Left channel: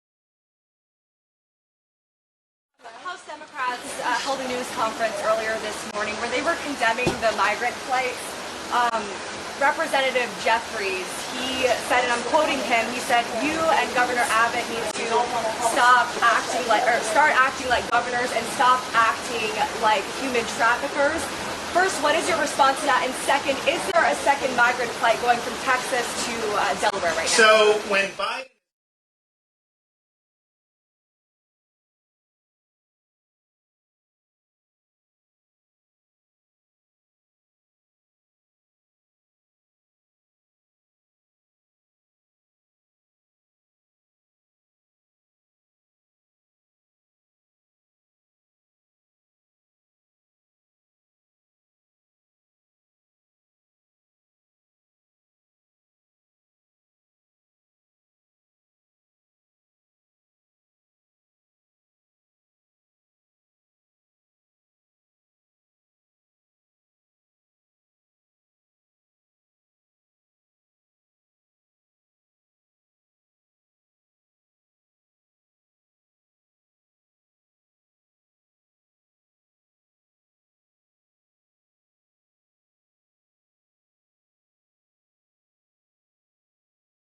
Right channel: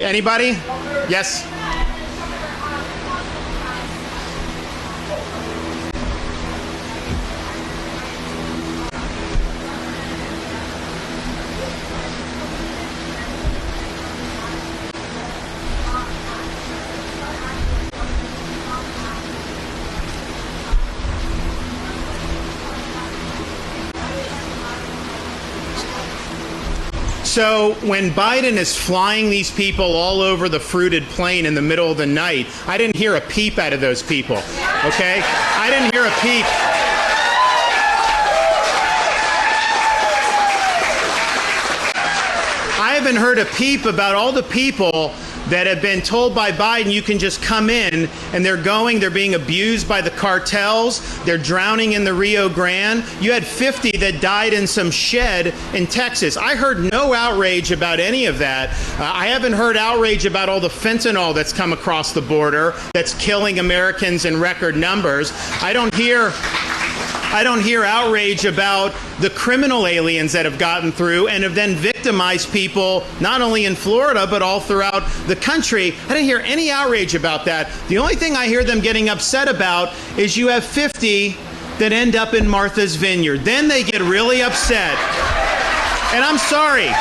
Anybody? Yes? Held a news conference earlier this morning where they were condemning the migrant flights. Representative Jeffries, he said, and I'm quoting him, he said, "You and Governor Abbott need to start acting like governors and stop acting like human traffickers." First, what is your response to that? And second, is there a second migrant flight going from Texas to Delaware right now? So when Biden is flying these people all over the fruited plain in the middle of the night, I didn't hear a peep out of those people, okay? I didn't hear a peep. I haven't heard a peep about all the people that have been told by Biden you can just come in, and they're being abused by the cartels, they're drowning in the Rio Grande. You had 50 that died in some shed in Texas. I heard no outrage about any of that. I haven't heard outrage about all the fentanyl that's come across the border that's killing Americans in record numbers. I don't hear outrage about the criminal aliens that have gotten through and have then victimized people not only in Florida but all throughout the country. I didn't hear any outrage about that. The only thing I hear them getting upset about is you have 50 that end up in Martha's Vineyard. Then they get really upset. And I'm sorry.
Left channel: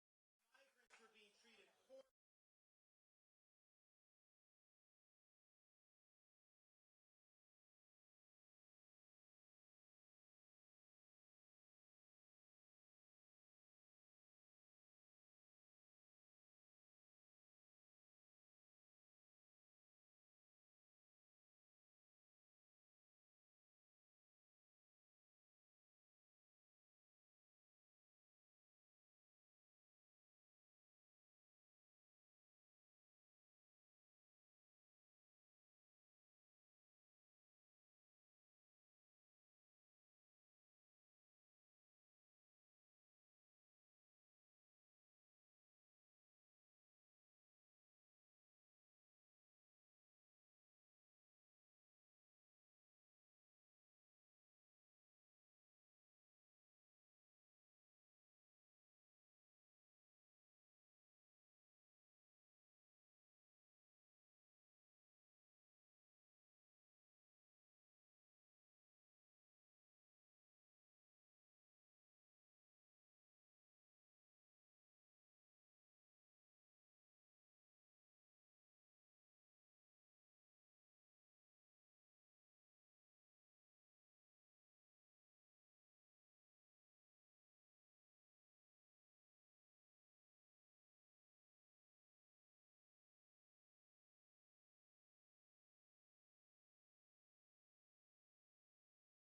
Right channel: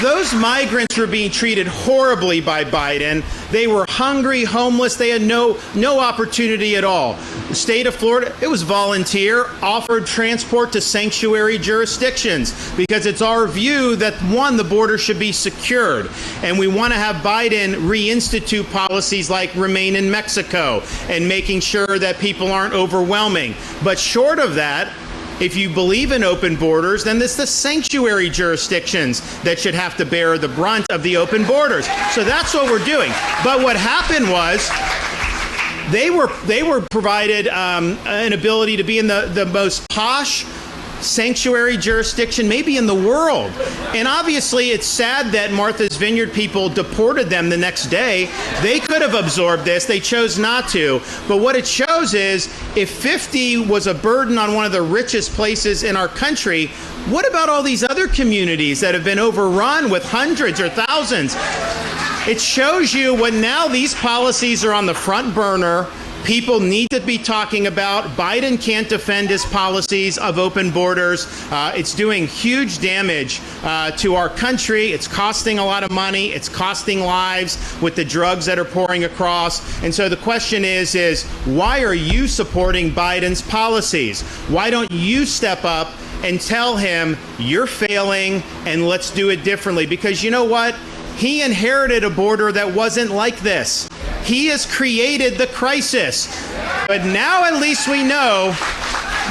Those migrants were being treated horribly by Biden. They were hungry, homeless. They had no opportunity at all. The state of Florida, it was volunteer, offered transport to sanctuary jurisdictions because it's our view that, one, the border should be secured. And we want to have Biden reinstitute policies like Remain in Mexico and making sure that people aren't overwhelming. But short of that, if you believe in open borders, then it's the sanctuary jurisdictions that should have to bear the brunt of the open borders. So that's what we're doing. But what happened was they were provided an ability to be in the most posh sanctuary jurisdiction maybe in the world. And obviously it's sad that Martha's Vineyard people deported them the next day. They could have absorbed this. They chose not to. But what it shows is if 50 was a burden on one of the richest places in our country, what about all these other communities that have been overrun with hundreds or thousands? It shows you when now these policies are on the front burner. People need to be talking about. Biden can't defend his policies of open borders. It's doing huge damage to our country. It's costing a lot of money. It's costing lives with the drugs that are pouring across. And so the question is why are you supporting Biden's policies? Why don't you step up and tell him you're failing and let's do it differently? Because you know what? He inherited a border that wasn't like this. He has created the crisis. But now at least we know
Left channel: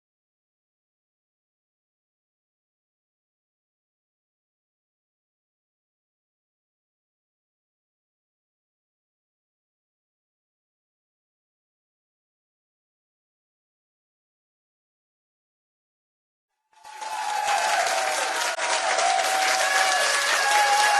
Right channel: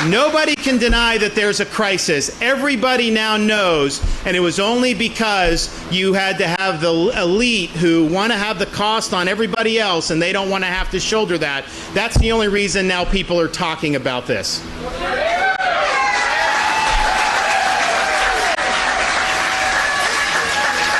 nobody can deny that there's a crisis. Everybody now knows, and it was only because you had to have the elite who want to have the cost on everybody else and they don't want to have to shoulder that. That's the only reason now people are talking about this.